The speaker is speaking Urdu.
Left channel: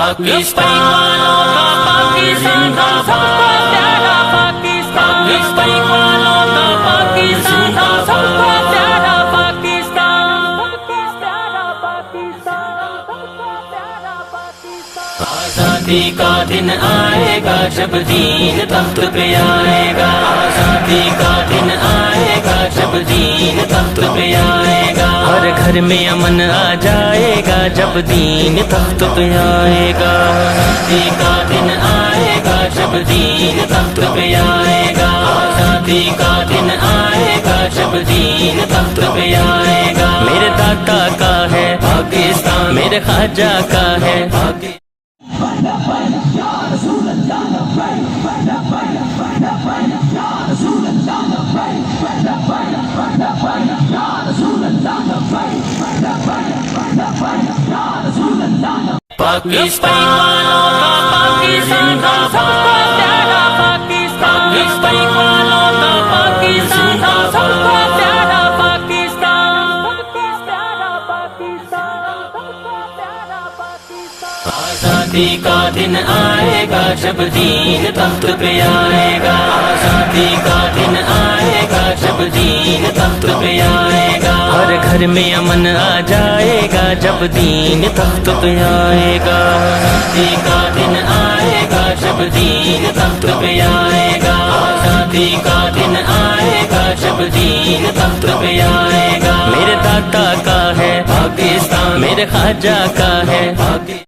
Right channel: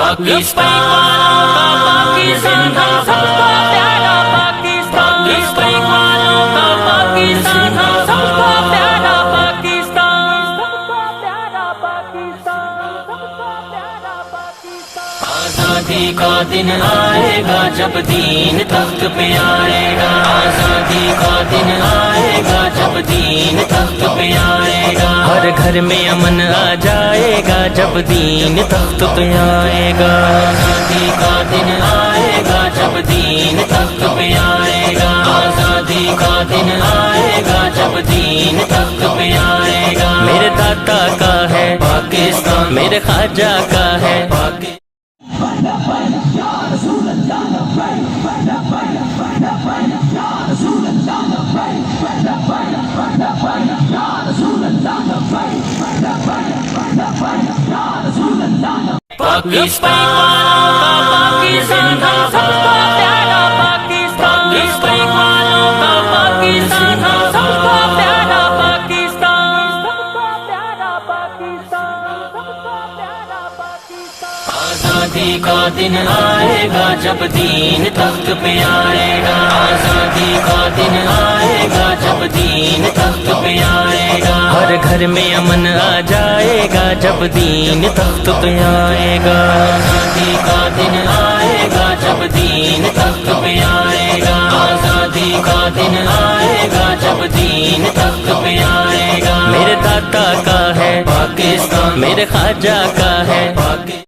لبیک والوں کا پاکستان ہم سب کا پیارا پاکستان، لبیک والوں کا پاکستان ہم سب کا پیارا پاکستان، سب کا پیارا پاکستان، سب کا پیارا پاکستان۔ آزادی کا دن آئے گا جب دین تخت پہ آئے گا، آزادی کا دن آئے گا جب دین تخت پہ آئے گا، ہر گھر میں امن آ جائے گا جب دین تخت پہ آئے گا، آزادی کا دن آئے گا جب دین تخت پہ آئے گا، آزادی کا دن آئے گا جب دین تخت پہ آئے گا۔ میرے داتا کا ہے پاکستان، میرے خواجہ کا ہے لبیک والوں کا پاکستان ہم سب کا پیارا پاکستان، لبیک والوں کا پاکستان ہم سب کا پیارا پاکستان، سب کا پیارا پاکستان، سب کا پیارا پاکستان۔ آزادی کا دن آئے گا جب دین تخت پہ آئے گا، آزادی کا دن آئے گا جب دین تخت پہ آئے گا، ہر گھر میں امن آ جائے گا جب دین تخت پہ آئے گا، آزادی کا دن آئے گا جب دین تخت پہ آئے گا، آزادی کا دن آئے گا جب دین تخت پہ آئے گا۔ میرے داتا کا ہے پاکستان، میرے خواجہ کا ہے